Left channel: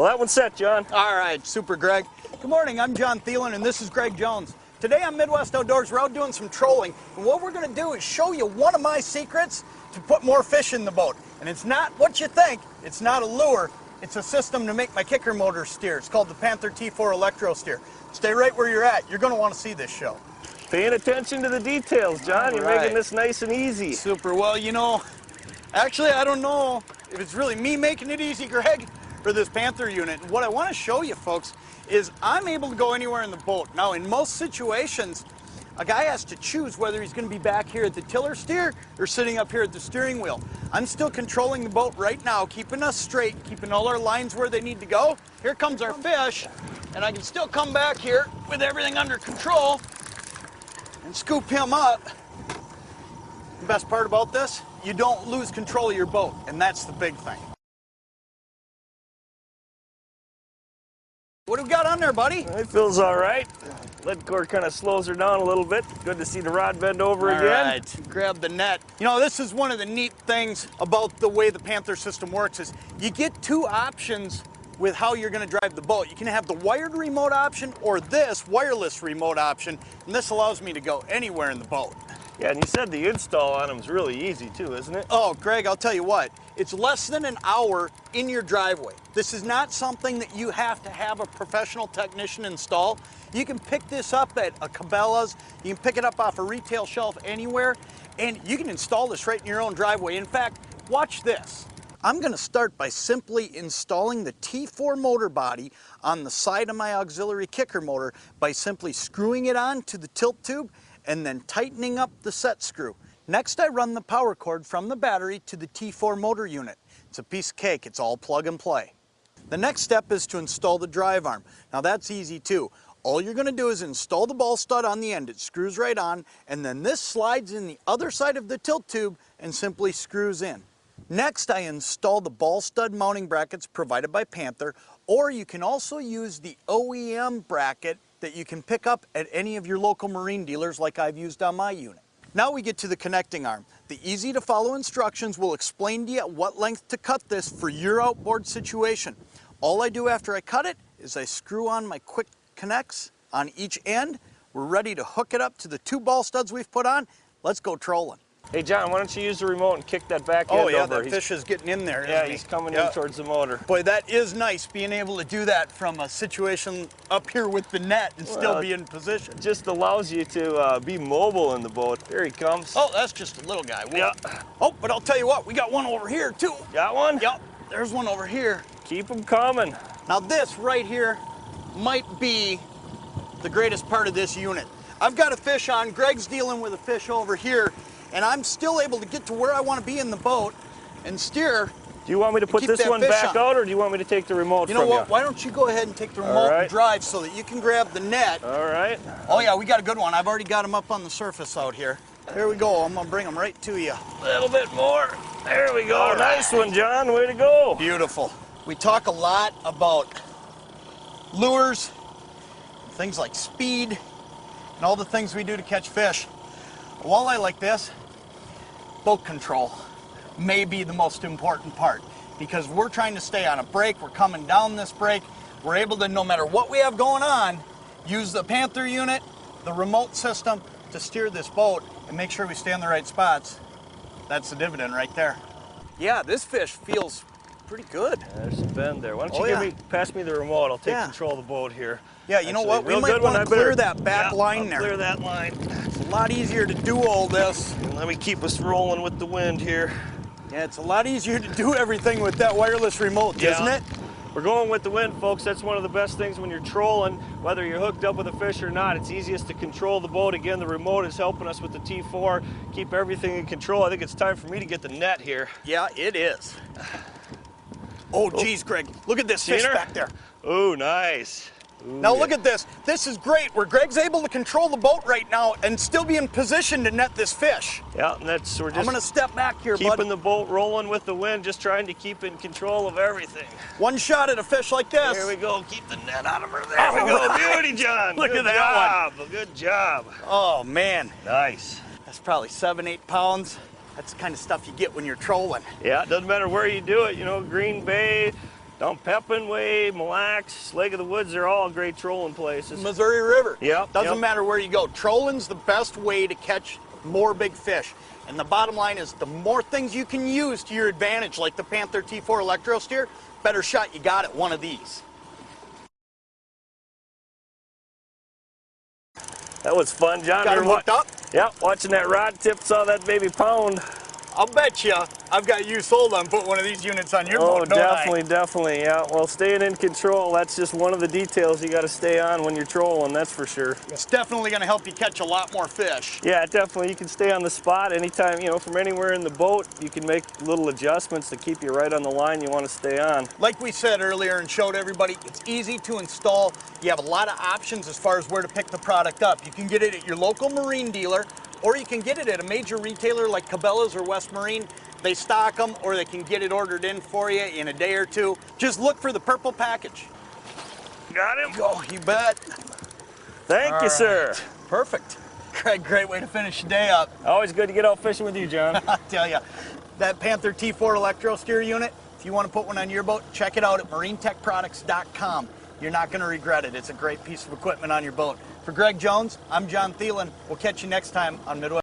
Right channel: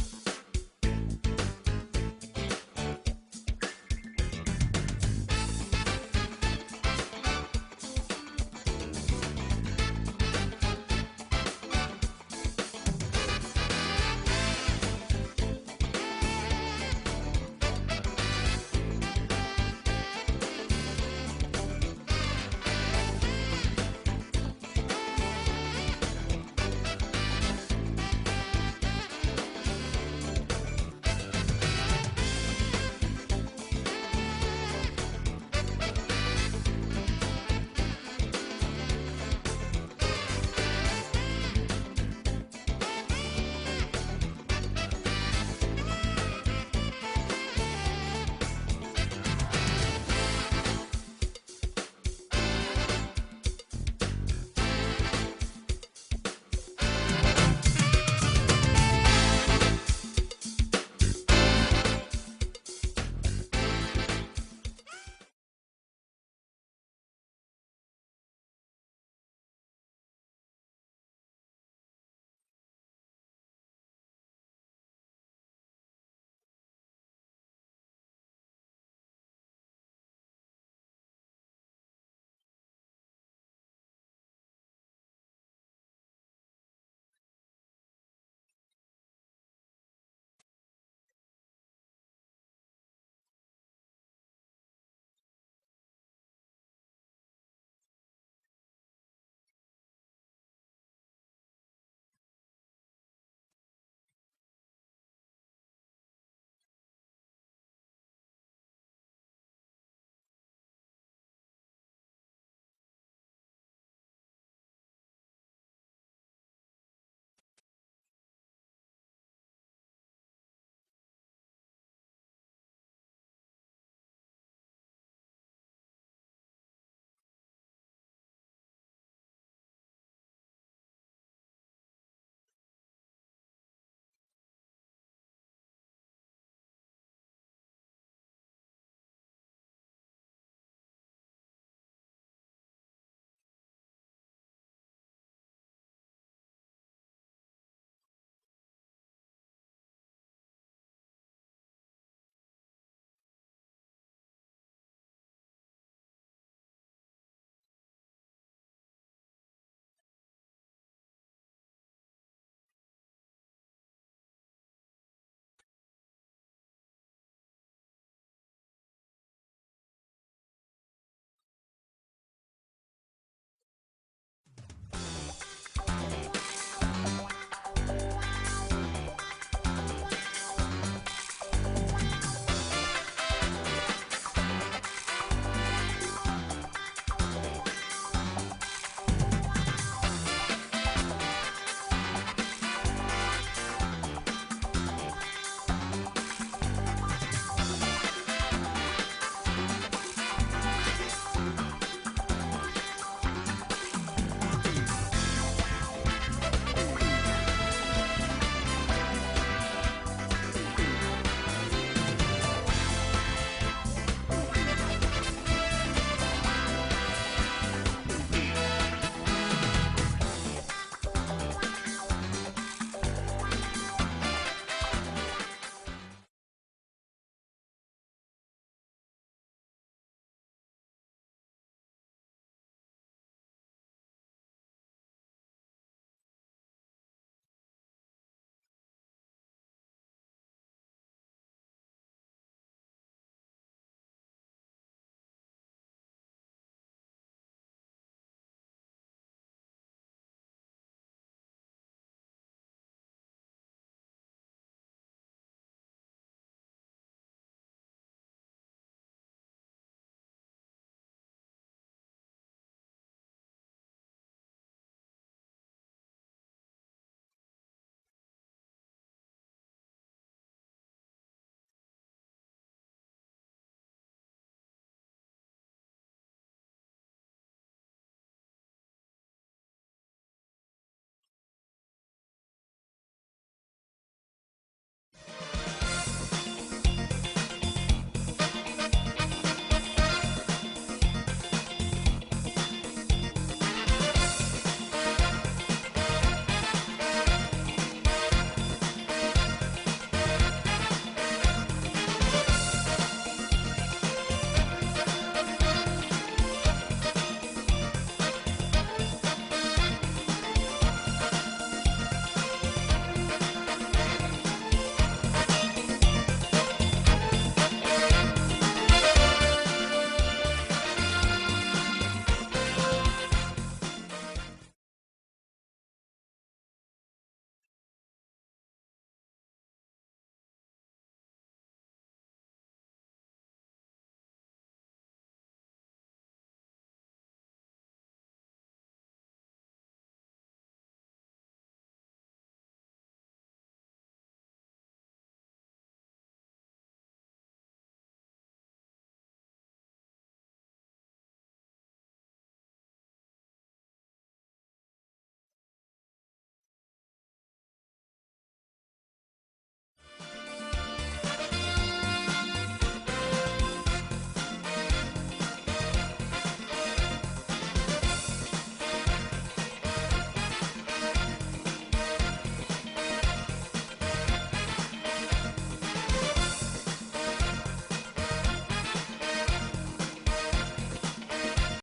Well, that one's set, John. All right, super, Greg. Good morning, I'm John Thielen, and this is Greg Jones. Today on Midwest Outdoors, we're out doing some trolling. And what we're gonna do is show you one of my secrets to put more fish in the boat. And it's not what you think, it's not a lure. It's a system to make my kicker motor steer. It's called the Panther T4 Electro Steer. Stay right where you're at. You're gonna wanna see this show. Paying attention to the details, John. You're making this nice and easy. Super. Well, you know, actually, I don't know if it's really me making it easy, Greg, for this Panther unit. What I want to show you folks is I'm able to go anywhere in the boat. Now, in most situations, a guy has to choose whether he's going to be back here at the tiller steer or sitting up here at the steering wheel. I'm still controlling the boat right now, keeping us straight, keeping all our lines where they need to go. Here comes our fish, and I can still come back here with everything under control and scoop him up. The best part about this, you don't lose control of your boat, and that's the big thing. What do you got on there, buddy? It feels all right. Let cord kind of slows her down a little bit. Good to see the rod bend over again. All right, grab the net. You know, this is one of the neat things about the way the Panther system works is you get two options with how you're going to drive the boat. You can have the wired remote option or this wireless remote option, and this allows me to go anywhere in the boat. Yeah, and you said the install on them is really easy too, isn't it? Oh, Greg, I'll tell you what. It's less than an hour in your driveway. This is not something that you have to have a professional technician install. You can pick this up at a Cabela's, you can pick it up off a retail shelf anywhere, and you can install this right in your own driveway. In fact, watch this. I'm going to start by simply installing the T4 motor body on the side of my auxiliary kicker motor by simply screwing it on to the tilt tube and then tightening up the set screw. Next, I run the power cord from the battery to the T4 motor unit. It's a piece of cake, it's all plug and play. The next step is to install the drive arm. Now that's easy too. All you're gonna do is install the ball stud on the end. It screws right on, and then this slides in the other side of the tilt tube and simply screws in. Next, I install the ball stud mounting brackets provided by Panther, or you can also use the OEM bracket that you can pick up at any of your local marine dealers like I've used on my unit. Now we get to the connecting arm. The easy to follow instructions will explain to you at what length to cut this for your outboard situation. All I do after I cut it is I screw on my quick connects on each end. We're ready to hook it up to the two ball studs we've put on. Let's go trolling. Hey, John, why don't you use the remote and kick that back end over? Oh, yeah, that fish is getting in there, yeah, he's coming in towards the motor. Boy, that is nice, being able to do that from a situation up here with the net and still be in position. It just allows you to be mobile in the boat. There he comes. Oh, that's just a little guy. Yeah. Oh, but I'll tell you what, we got one over here, too. Got one? Yep, there's one over here. Keep them coming. Now, this right here might be the greatest part of this unit. I've got a fish on, Greg's dealing with a fish over here, and I'm still able to get to where I want to be in the boat and steer. You want me to put this one back out, or do you want me to take the remote from you? You know what, why don't you go ahead and take the remote and drive so that you can grab the net. All right. Oh yeah, we got a good one. I've already got him up on the surface out here. There we go, I'm gonna bring him right to you. A little bit more. There we go, nice one, John, way to go. Beautiful. We talk a lot about lures, things like speed, and all the things we do to catch fish. A walleye like this, boat control may be the most important part because we're trying to stay on a break, we're coming down this break, we're able to, no matter what we have going on, use the Panther unit, the remote system to steer this boat and make sure we stay in the right spots. That's the dividend right there. Yeah, this fish feels pretty good. There's some bend there. Why don't you pass me the remote? I'll take control of the boat here. Yeah, you know what? We might want to clear that back line there. Clear that line. It's a lot easier to do all this. And let me keep us rolling with the wind here. Yeah, it's a lot easier to do everything with that wireless remote, isn't it? We're going with the wind, folks. That's one of the best things when you're trolling, whether you're hooked up with a fish or not. It's easiest to control the boat. Again, the remote is helping us with the T4, keep everything in control. I think it's time for me to get the net here. Yeah, it is. Oh, geez, Greg, look at this fish back there. Oh, nice. Ooh, now look at this. This is great where Greg's able to control the boat right now and still be in position to net this fish. Yeah, and that's, we're just I'm gonna step back here, keeping the boat rolling with the wind, just trying to keep in control of everything. One shot at a fish like this. There we go. Keep the net out of her. There we go. Beauty, John. Look at that one. Good job. Oh, man. Nice. It's probably 7, 8 pounds. That's the kind of stuff you get when you're trolling. Yeah, doesn't matter where you do it, you know, Green Bay, Dump Pepin, Wade, Mille Lacs, Lake of the Woods, they're all great trolling places. Missouri River. Yep, Doesn't yep. matter where you go. Trolling's the best way to catch more big fish. And the bottom line is the more things you can use to your advantage, like the Panther T4 Electro Steer, better shot you got at one of these. That was fun, John. Got it hooked up? Yep, watching that rock tip, saw that baby pound. I'll bet you I've got you sold on putting one of these units on your boat, don't definitely, definitely, yeah. Well, staying in control, that's just one of the details you got to stay on when you're trolling, that's for sure. It's definitely going to help you catch a lot more fish. Yeah, definitely. You can stay on the spot anytime, you know, from anywhere in the boat. You can make little adjustments to keep you right on the line you want to stay on. Like we said earlier and showed everybody, it's easy to install. You have a lot of options as far as where to pick the product up. You can get it at your local marine dealer, or you can get it at a major retailer like Cabela's or West Marine. They stock them, or they can get it ordered in for you in a day or two. Just look for the purple package. Got him? Oh, you bet. Thank you, sir. Perfect. Great way to finish your day up. Always good to get out fishing with you, John. I tell you, that Panther T4 Electro Steer unit, you want to put one on your boat, check it out at marinetechproducts.com. You're not going to regret it. It's a great piece of equipment on your boat. For Greg Jones, I'm John Thielen. We'll catch you next time on Midwest.